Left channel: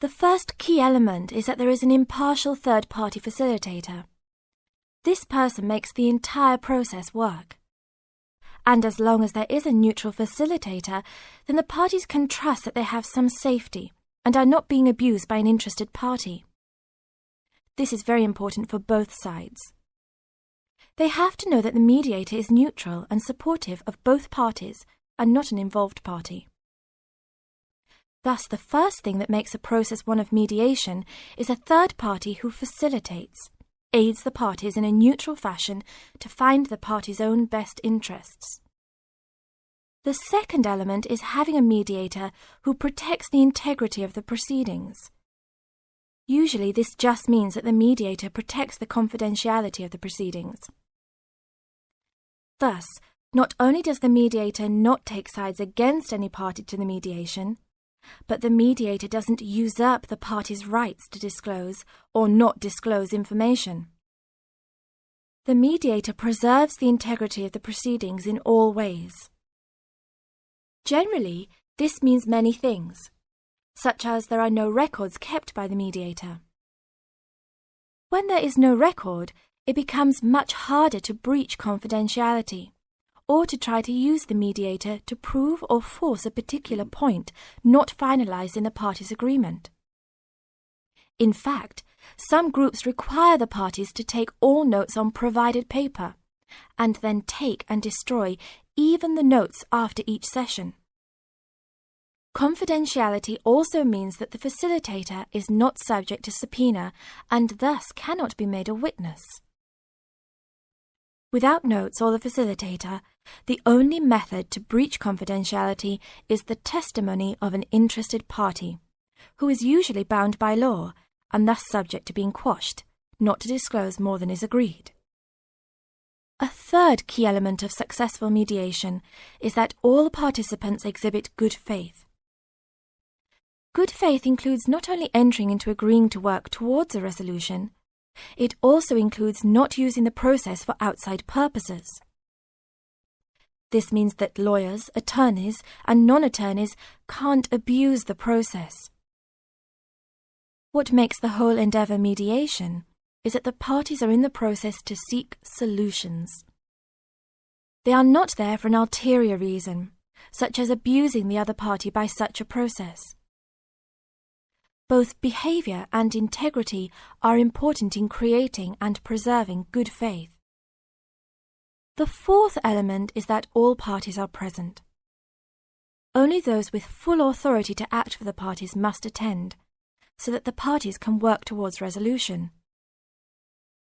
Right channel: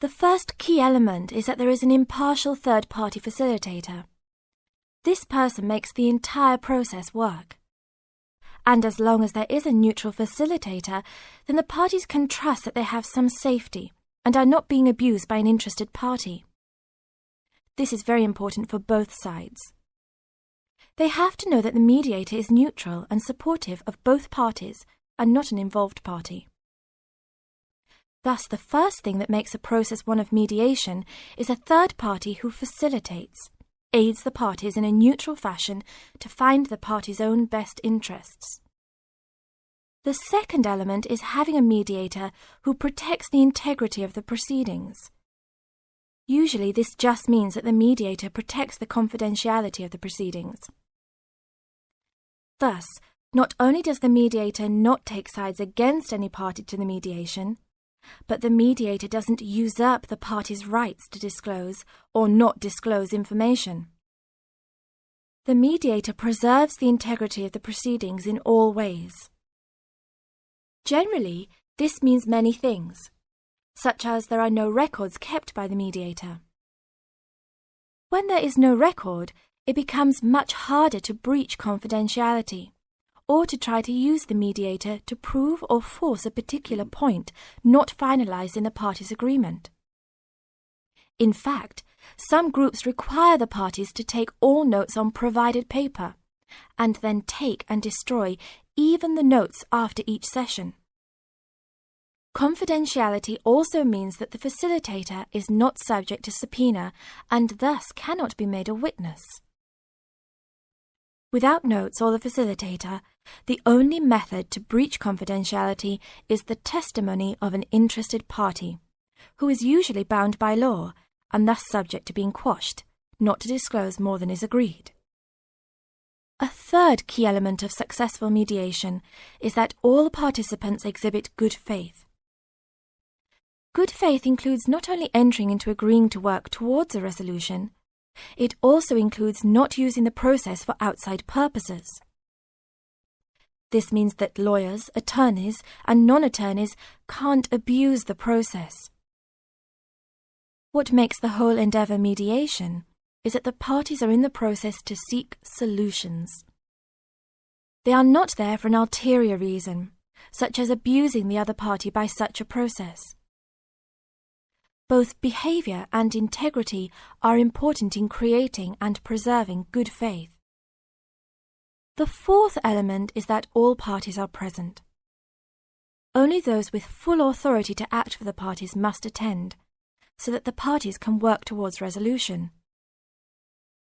The first key element is that there is an impartial third-party facilitator. This person makes the entire process work. And as long as there is a neutral facilitator, then the parties can trust that they have some safety and are not being abused by an interested party. This is very important for both sides. They have to know that the mediator is neutral and supportive of both parties and not an involved party. Thus, the first thing that makes a process one of mediation is a third party who facilitates, aids the parties in a neutral fashion to find the party's own best interests. The second element is having a mediator who protects the integrity of the proceedings. Usually, this just means that the mediator protects the confidentiality of the proceedings. Thus, not only does the mediator not take sides against any party to the mediation, but the mediator doesn't usurp the party's rights to disclose or not disclose information. The mediator preserves the integrity of the proceedings in all ways. Generally, this means many things, such as there are no records kept by the mediator. When there is no record, it becomes much harder to breach confidentiality, or to try to use the mediator to prove or force a particular point not finalized in the parties' agreement. In fact, some groups require the parties to take all notes on provided paper, and then take and destroy even the notes after each session. Confidentiality also means that the facilitator is not subject to subpoena and thus cannot be made a witness. Without notes or the facilitator, the only method to breach confidentiality is the testimony of an interested party, who is usually bound by law and thus subject to being quashed, not to disclose more than is agreed. A third key element of successful mediation is that all participants exhibit good faith. Good faith includes not only entering into agreeing to work towards a resolution, it also includes not using the process for outside purposes. This means that lawyers, attorneys, and non-attorneys can't abuse the process. What makes the whole endeavour mediation is that the parties are in the process to seek solutions. They are not there for an ulterior reason, such as abusing the other party by such a process. Both behaviour and integrity are important in creating and preserving good faith. The fourth element is that all parties are present. Only those with full authority to act for the parties must attend, so that the parties can work towards resolution.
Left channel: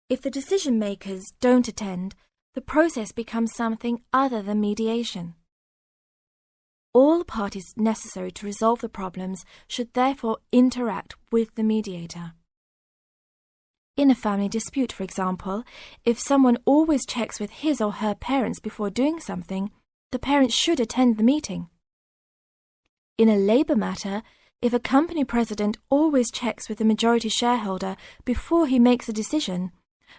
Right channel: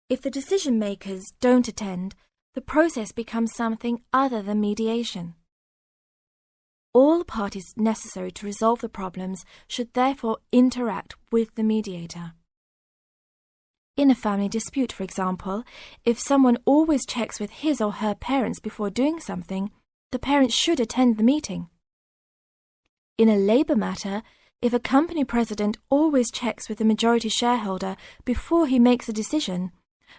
If the decision-makers don't attend, the process becomes something other than mediation. All parties necessary to resolve the problems should therefore interact with the mediator. In a family dispute, for example, if someone always checks with his or her parents before doing something, the parents should attend the meeting. In a labour matter, if a company president always checks with the majority shareholder before he makes a decision,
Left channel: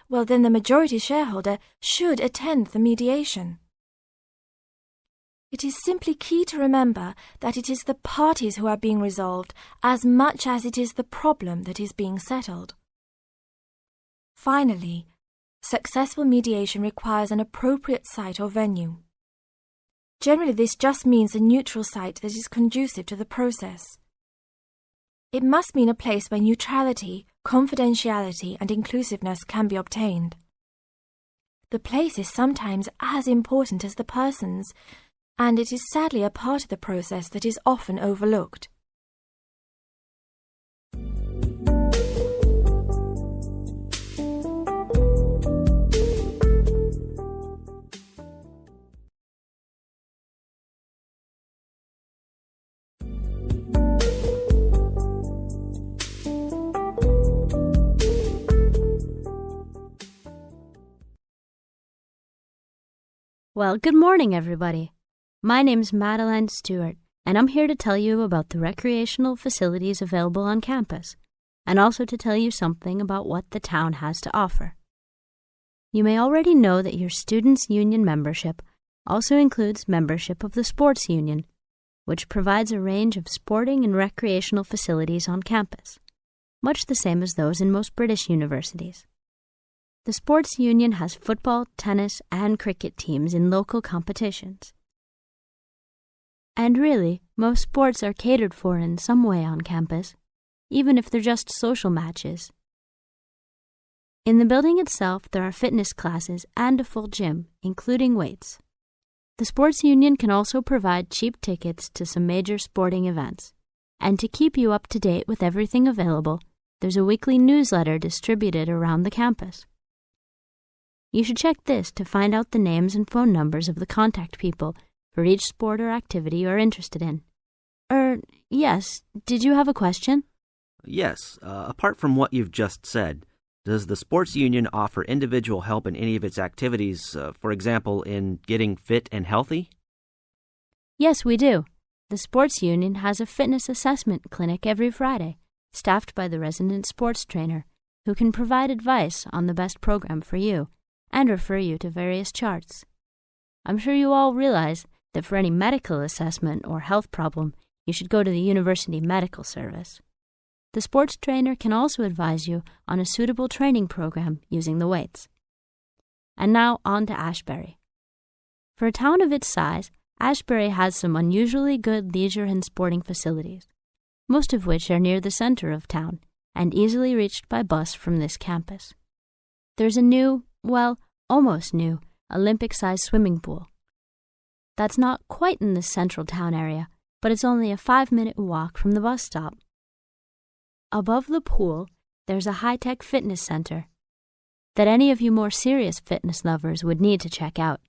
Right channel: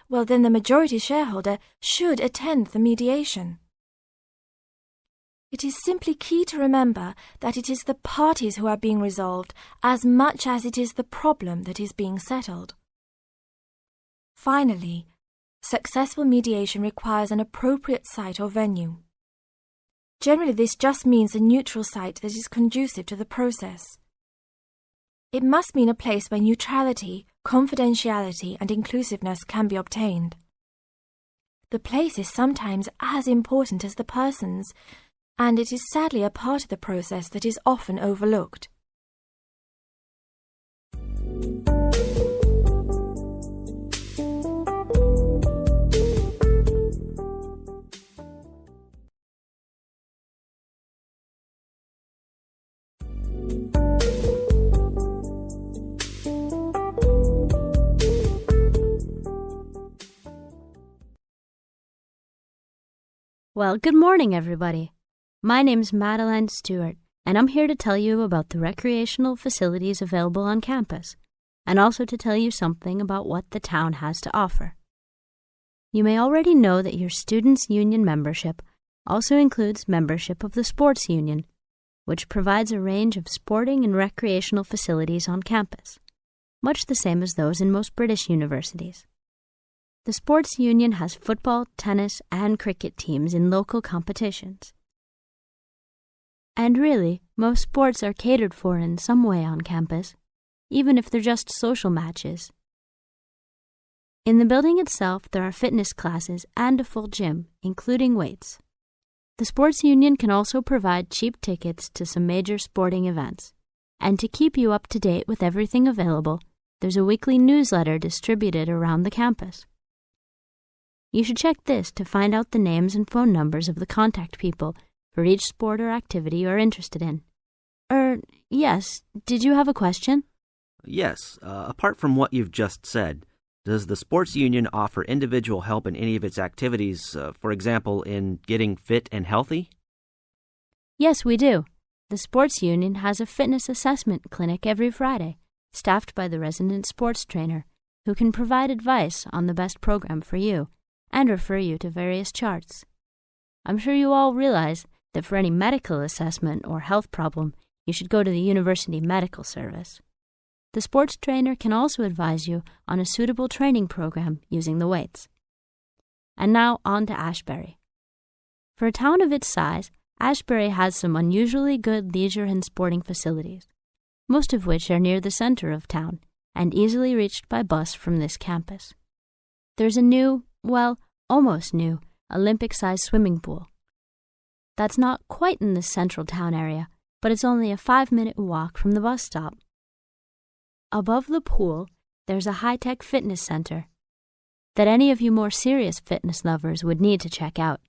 well then the majority shareholder should attend the mediation. It is simply key to remember that it is the parties who are being resolved as much as it is the problem that is being settled. Finally, successful mediation requires an appropriate site or venue. Generally, this just means a neutral site that is conducive to the process. It must mean a place where neutrality, confidentiality, and inclusiveness can be obtained. The place is sometimes as important as the persons, and it is sadly a part of the process that is often overlooked. Well, good morning, everybody. My name's Madeline Stewart, and I'm here to tell you about the recreational facilities available on campus, and also to tell you something about what the town has to offer. You may already know that your student's union membership also includes membership of the sports union, which provides a range of sporting and recreational facilities on campus, much the same as those in most British universities. The sports union has football, tennis, and cricket teams in local competitions. And really, most sports are catered for in some way on campus, even if they're just social matches. In the building itself, there are fitness classes and a full gym, including weights. The sports union can also provide cheap tickets to some major sporting events. And to keep you up to date with everything available, there's a weekly newsletter distributed around the campus. You should check this to find out the names and phone numbers of the contact people for each sport or activity you're interested in. Yes, did you have a question? Yes, apart from what you've just said, does the sports union offer individual help in any of its activities, for example, in getting fit and healthy? Yes, we do. The sports union has a fitness assessment clinic every Friday, staffed by the resident sports trainer, who can provide advice on the best program for you and refer you to various charts. I'm sure you all realize that for any medical assessment or health problem, you should go to the University Medical Service. The sports trainer can also advise you on a suitable training program using the weights. And now on to Ashbury. For a town of its size, Ashbury has some unusually good leisure and sporting facilities, most of which are near the center of town and easily reached by bus from this campus. There's a new, almost new, Olympic-sized swimming pool. That's not quite in the central town area, but it's only a 5-minute walk from the bus stop. Above the pool, there's a high-tech fitness center that any of you more serious fitness lovers would need to check out.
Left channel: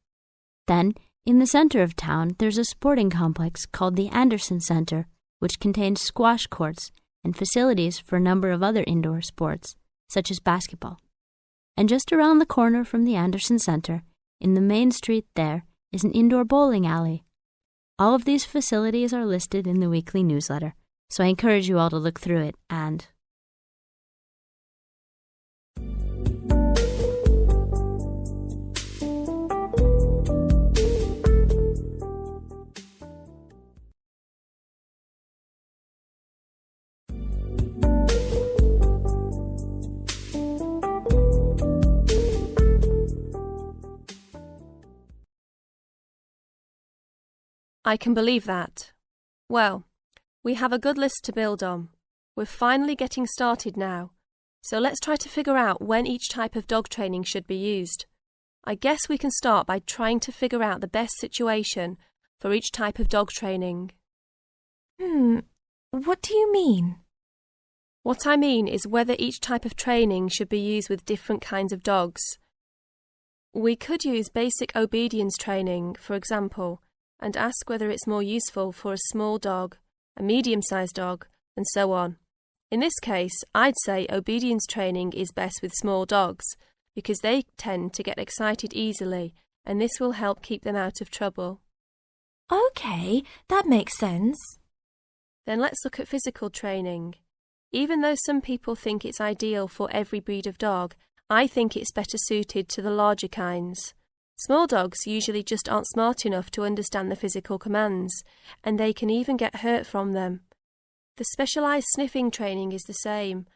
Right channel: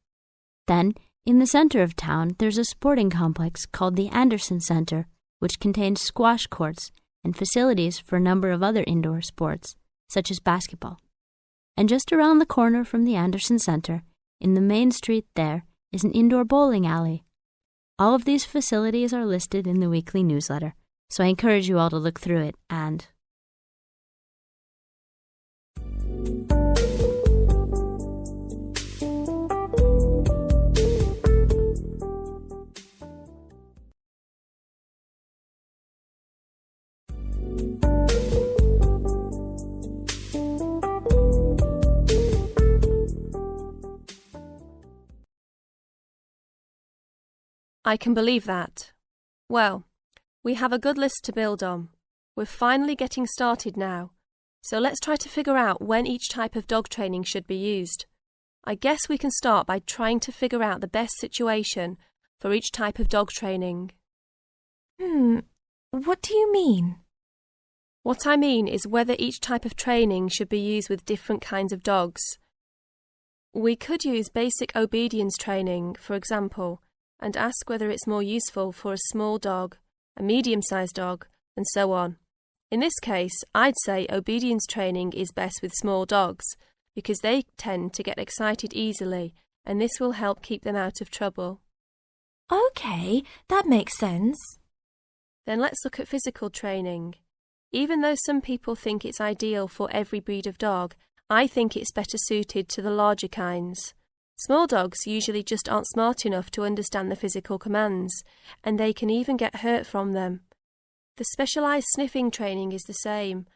Then, in the center of town, there's a sporting complex called the Anderson Center, which contains squash courts and facilities for a number of other indoor sports, such as basketball. And just around the corner from the Anderson Center, in the main street there, is an indoor bowling alley. All of these facilities are listed in the weekly newsletter, so I encourage you all to look through it and... I can believe that. Well, we have a good list to build on. We're finally getting started now, so let's try to figure out when each type of dog training should be used. I guess we can start by trying to figure out the best situation for each type of dog training. What do you mean? What I mean is whether each type of training should be used with different kinds of dogs. We could use basic obedience training, for example, and ask whether it's more useful for a small dog, a medium-sized dog, and so on. In this case, I'd say obedience training is best with small dogs, because they tend to get excited easily, and this will help keep them out of trouble. Okay, that makes sense. Then let's look at physical training. Even though some people think it's ideal for every breed of dog, I think it's better suited to the larger kinds. Small dogs usually just aren't smart enough to understand the physical commands, and they can even get hurt from them. The specialised sniffing training is the same.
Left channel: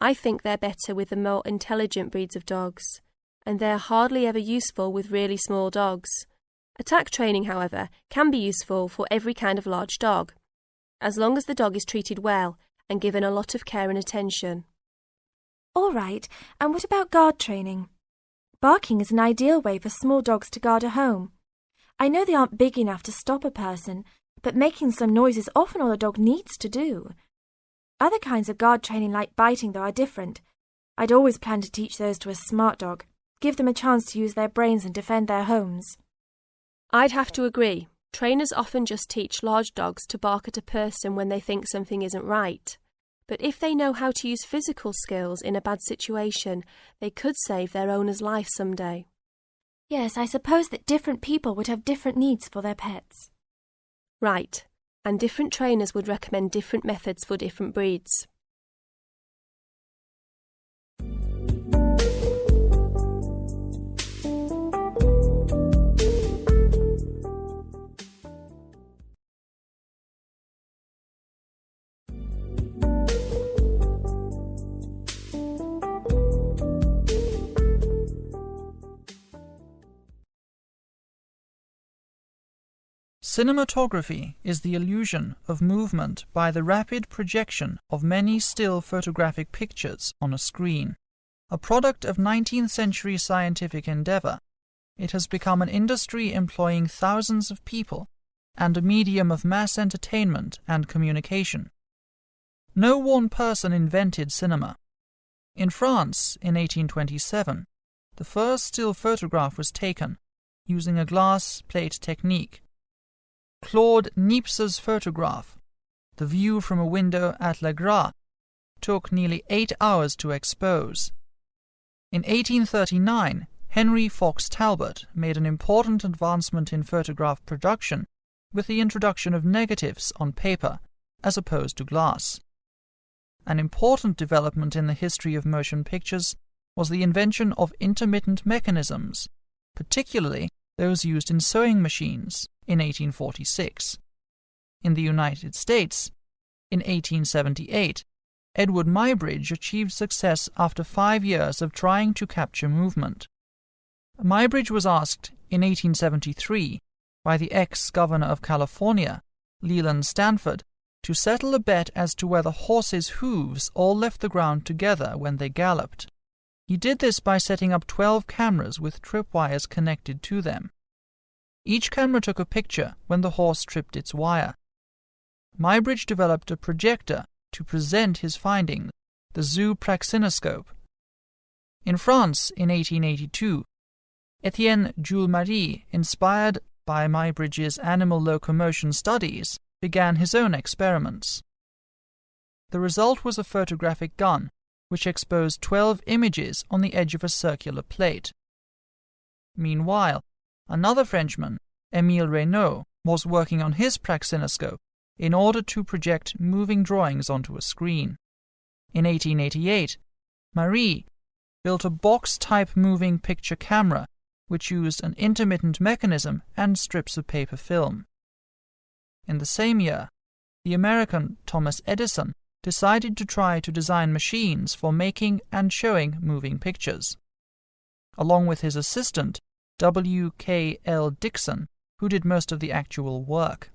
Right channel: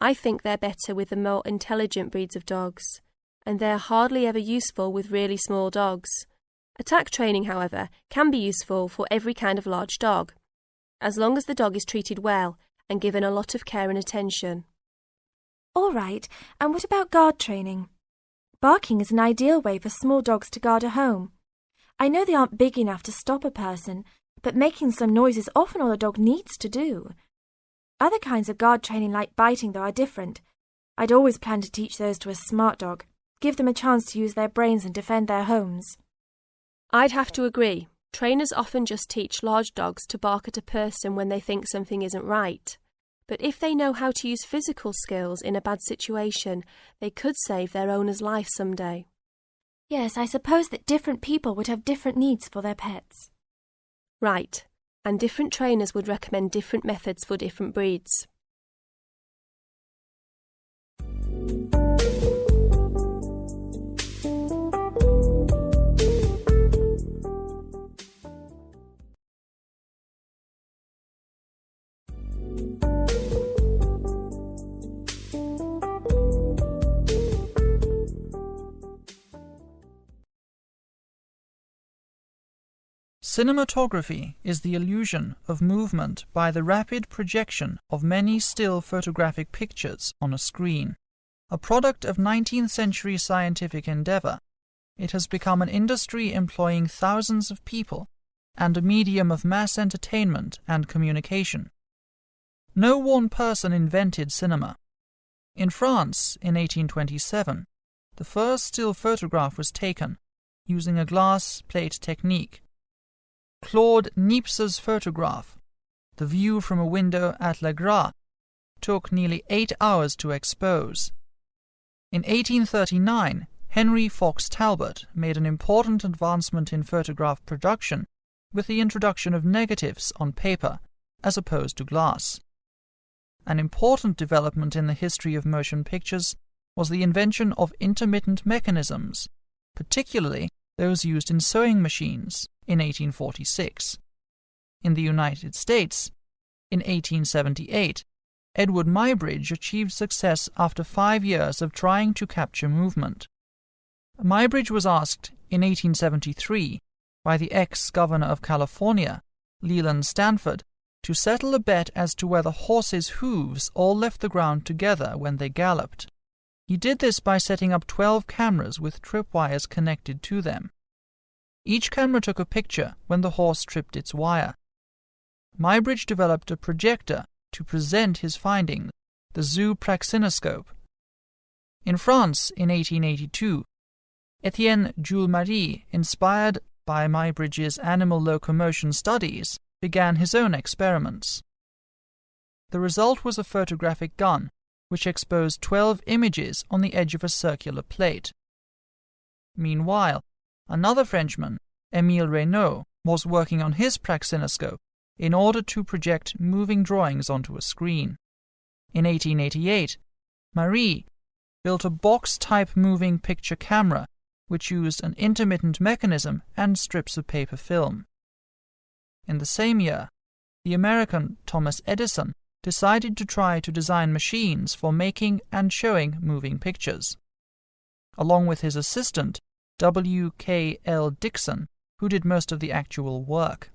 I think they're better with the more intelligent breeds of dogs, and they're hardly ever useful with really small dogs. Attack training, however, can be useful for every kind of large dog, as long as the dog is treated well and given a lot of care and attention. All right, and what about guard training? Barking is an ideal way for small dogs to guard a home. I know they aren't big enough to stop a person, but making some noise is often all a dog needs to do. Other kinds of guard training like biting, though, are different. I'd always plan to teach those to a smart dog, give them a chance to use their brains and defend their homes. I'd have to agree. Trainers often just teach large dogs to bark at a person when they think something isn't right. But if they know how to use physical skills in a bad situation, they could save their owner's life someday. Yes, I suppose that different people would have different needs for their pets. Right, and different trainers would recommend different methods for different breeds. Cinematography is the illusion of movement by the rapid projection of many still photographic pictures on a screen. A product of 19th century scientific endeavor, it has become an industry employing thousands of people and a medium of mass entertainment and communication. No one person invented cinema. In France, in 1827, the first still photograph was taken using a glass plate technique. Claude Niepce's photograph, The View from a Window at Le Gras, took nearly 8 hours to expose. In 1839, Henry Fox Talbot made an important advancement in photograph production with the introduction of negatives on paper as opposed to glass. An important development in the history of motion pictures was the invention of intermittent mechanisms, particularly those used in sewing machines in 1846. In the United States, in 1878, Edward Muybridge achieved success after 5 years of trying to capture movement. Muybridge was asked in 1873 by the ex-governor of California, Leland Stanford, to settle a bet as to whether horses' hooves all left the ground together when they galloped. He did this by setting up 12 cameras with tripwires connected to them. Each camera took a picture when the horse tripped its wire. Muybridge developed a projector to present his findings, the zoopraxinoscope. In France, in 1882, Etienne Jules-Marie, inspired by Muybridge's animal locomotion studies, began his own experiments. The result was a photographic gun, which exposed 12 images on the edge of a circular plate. Meanwhile, another Frenchman, Émile Reynaud, was working on his praxinoscope in order to project moving drawings onto a screen. In 1888, Marie built a box-type moving picture camera which used an intermittent mechanism and strips of paper film. In the same year, the American Thomas Edison decided to try to design machines for making and showing moving pictures. Along with his assistant, W.K.L. Dickson, who did most of the actual work.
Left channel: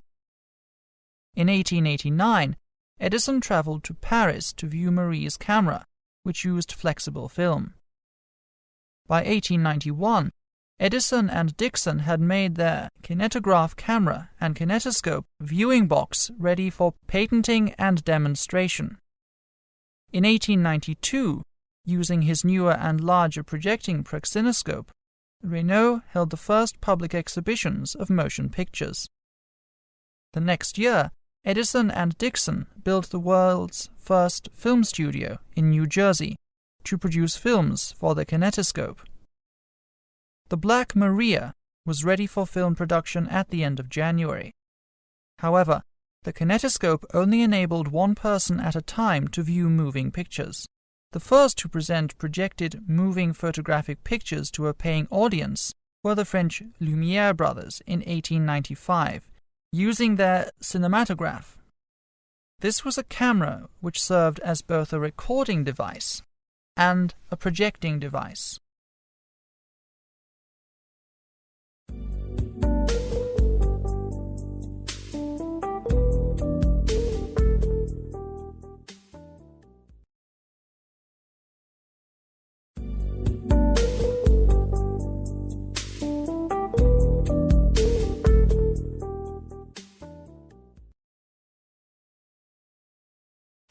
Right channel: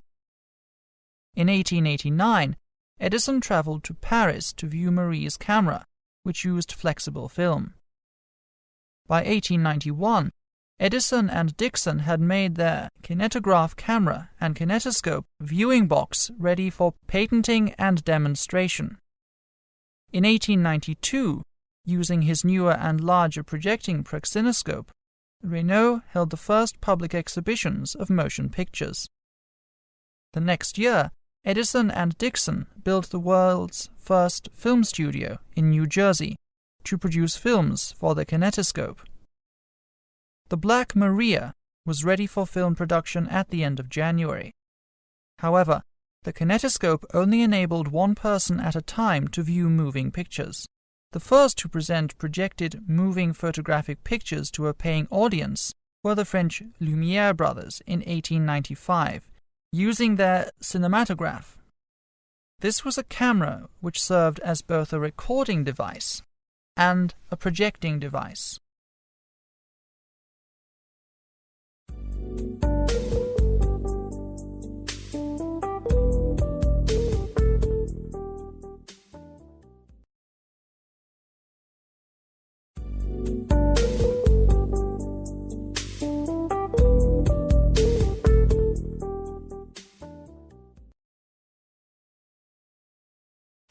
In 1889, Edison traveled to Paris to view Marie's camera, which used flexible film. By 1891, Edison and Dickson had made their kinetograph camera and kinetoscope viewing box ready for patenting and demonstration. In 1892, using his newer and larger projecting praxinoscope, Reynaud held the first public exhibitions of motion pictures. The next year, Edison and Dickson built the world's first film studio in New Jersey to produce films for the kinetoscope. The Black Maria was ready for film production at the end of January. However, the kinetoscope only enabled one person at a time to view moving pictures. The first to present projected moving photographic pictures to a paying audience were the French Lumière brothers in 1895, using their cinematograph. This was a camera which served as both a recording device and a projecting device.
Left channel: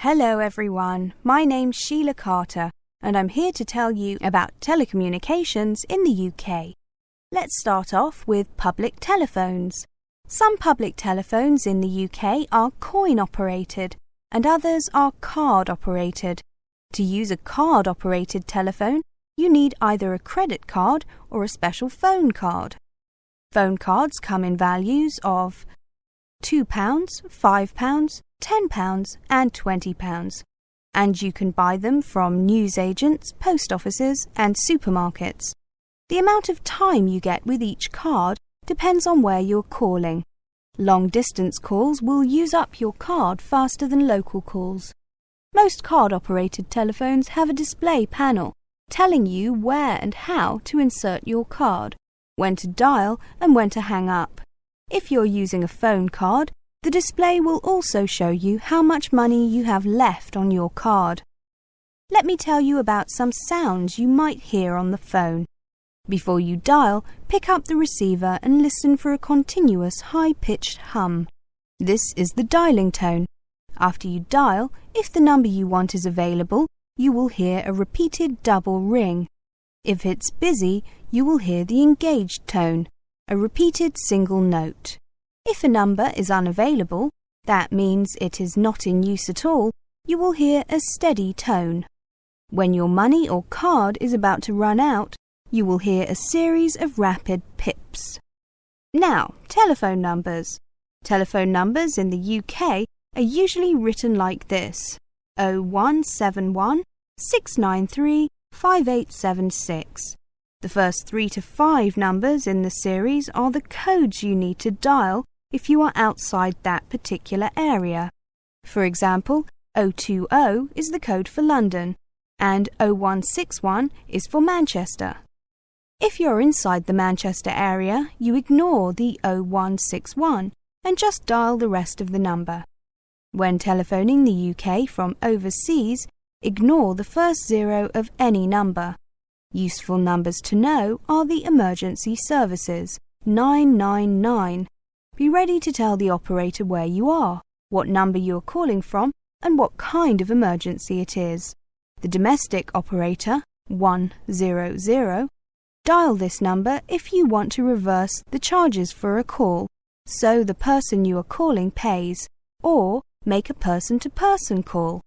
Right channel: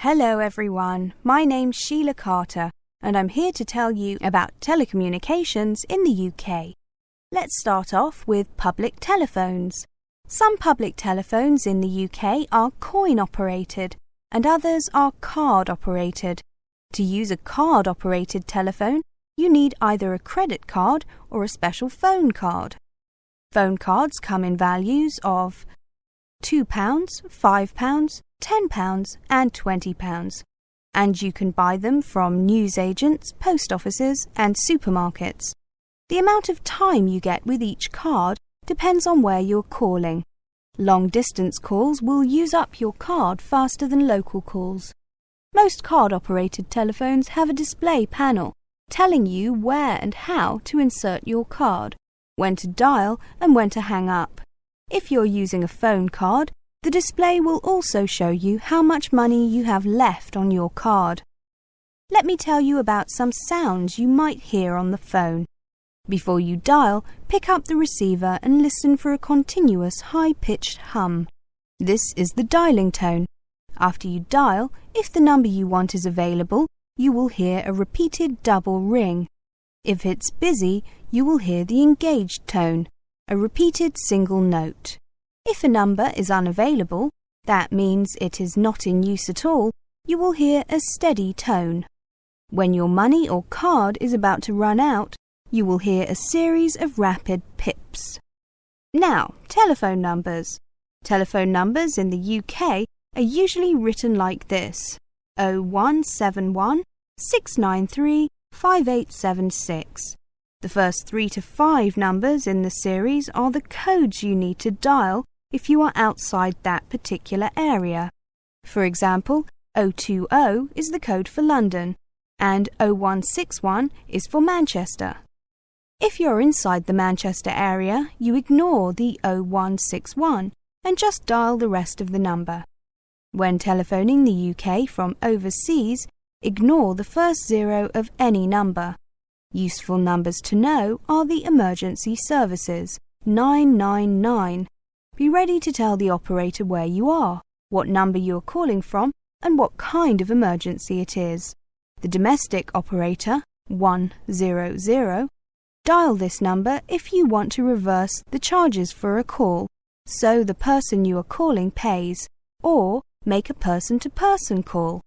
Hello everyone, my name's Sheila Carter and I'm here to tell you about telecommunications in the UK. Let's start off with public telephones. Some public telephones in the UK are coin-operated and others are card-operated. To use a card-operated telephone, you need either a credit card or a special phone card. Phone cards come in values of £2, £5, £10 and £20, and you can buy them from newsagents, post offices and supermarkets. The amount of time you get with each card depends on where you're calling. Long-distance calls will use up your card faster than local calls. Most card-operated telephones have a display panel telling you where and how to insert your card, when to dial and when to hang up. If you're using a phone card, the display will also show you how much money you have left on your card. Let me tell you about some sounds you might hear on the phone. Before you dial, pick up the receiver and listen for a continuous high-pitched hum. This is the dialing tone. After you dial, if the number you want is available, you will hear a repeated double ring. If it's busy, you will hear the engaged tone, a repeated single note. If a number is unavailable, that means it is not in use at all, you will hear a steady tone. When your money or card is about to run out, you will hear a series of rapid pips. Now, telephone numbers. Telephone numbers in the UK are usually written like this: 0171 693 5876. The first 3 to 5 numbers in the series are the codes you need to dial if you are outside that particular area. For example, 020 is the code for London, and 0161 is for Manchester. If you're inside the Manchester area, you ignore the 0161 and just dial the rest of the number. When telephoning the UK from overseas, ignore the first 0 of any number. Useful numbers to know are the emergency services, 999. Be ready to tell the operator where you are, what number you are calling from, and what kind of emergency it is. The domestic operator, 100, dial this number if you want to reverse the charges for a call, so the person you are calling pays, or make a person-to-person call,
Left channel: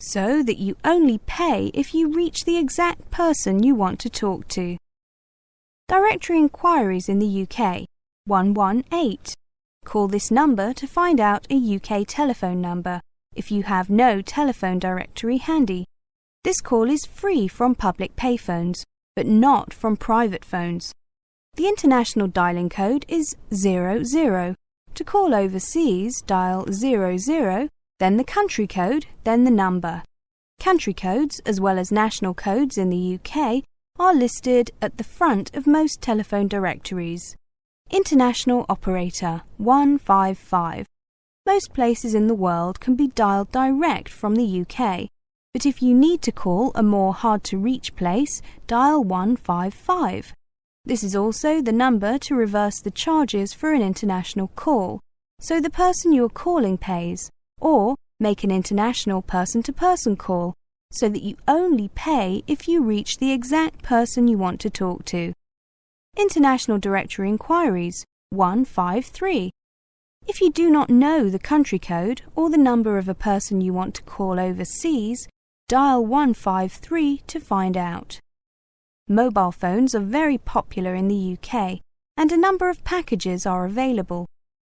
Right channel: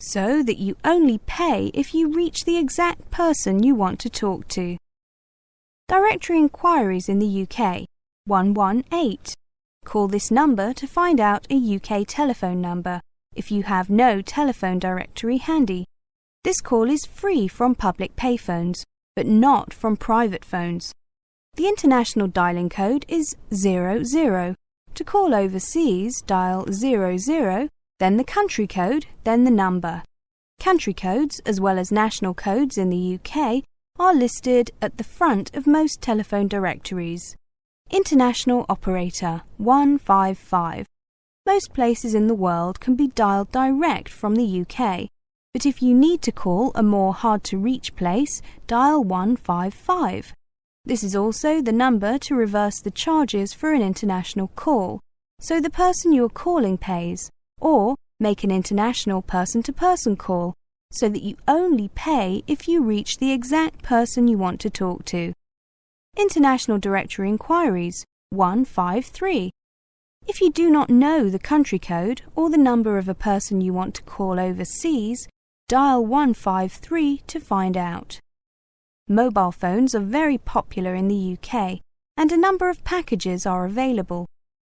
so that you only pay if you reach the exact person you want to talk to. Directory inquiries in the UK, 118. Call this number to find out a UK telephone number if you have no telephone directory handy. This call is free from public payphones, but not from private phones. The international dialing code is 00. To call overseas, dial 00, then the country code, then the number. Country codes, as well as national codes in the UK, are listed at the front of most telephone directories. International operator, 155. Most places in the world can be dialed direct from the UK, but if you need to call a more hard-to-reach place, dial 155. This is also the number to reverse the charges for an international call, so the person you are calling pays, or make an international person-to-person call, so that you only pay if you reach the exact person you want to talk to. International directory inquiries, 153. If you do not know the country code or the number of a person you want to call overseas, dial 153 to find out. Mobile phones are very popular in the UK, and a number of packages are available.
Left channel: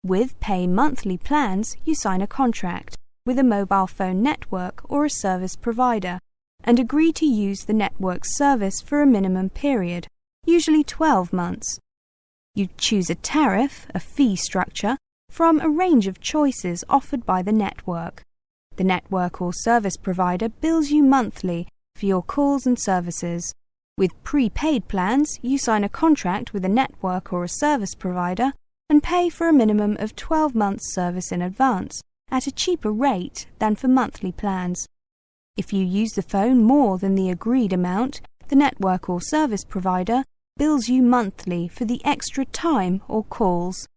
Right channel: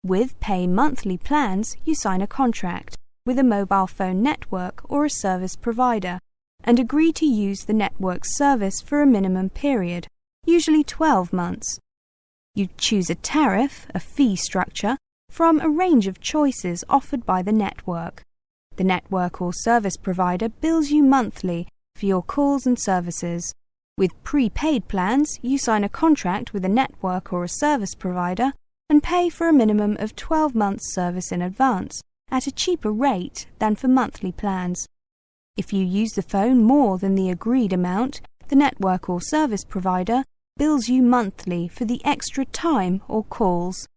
With pay monthly plans, you sign a contract with a mobile phone network or a service provider, and agree to use the network's service for a minimum period, usually 12 months. You choose a tariff, a fee structure, from a range of choices offered by the network. The network or service provider bills you monthly for your calls and services. With prepaid plans, you sign a contract with a network or a service provider and pay for a minimum of 12 months service in advance at a cheaper rate than for monthly plans. If you use the phone more than the agreed amount, the network or service provider bills you monthly for the extra time or calls.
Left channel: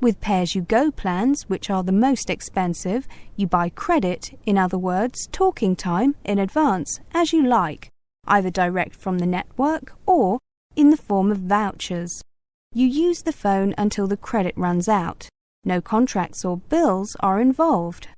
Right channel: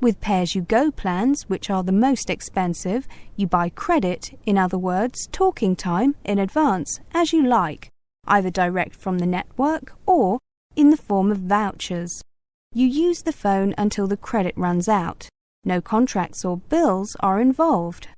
With pay-as-you-go plans, which are the most expensive, you buy credit, in other words, talking time, in advance, as you like, either direct from the network or in the form of vouchers. You use the phone until the credit runs out. No contracts or bills are involved.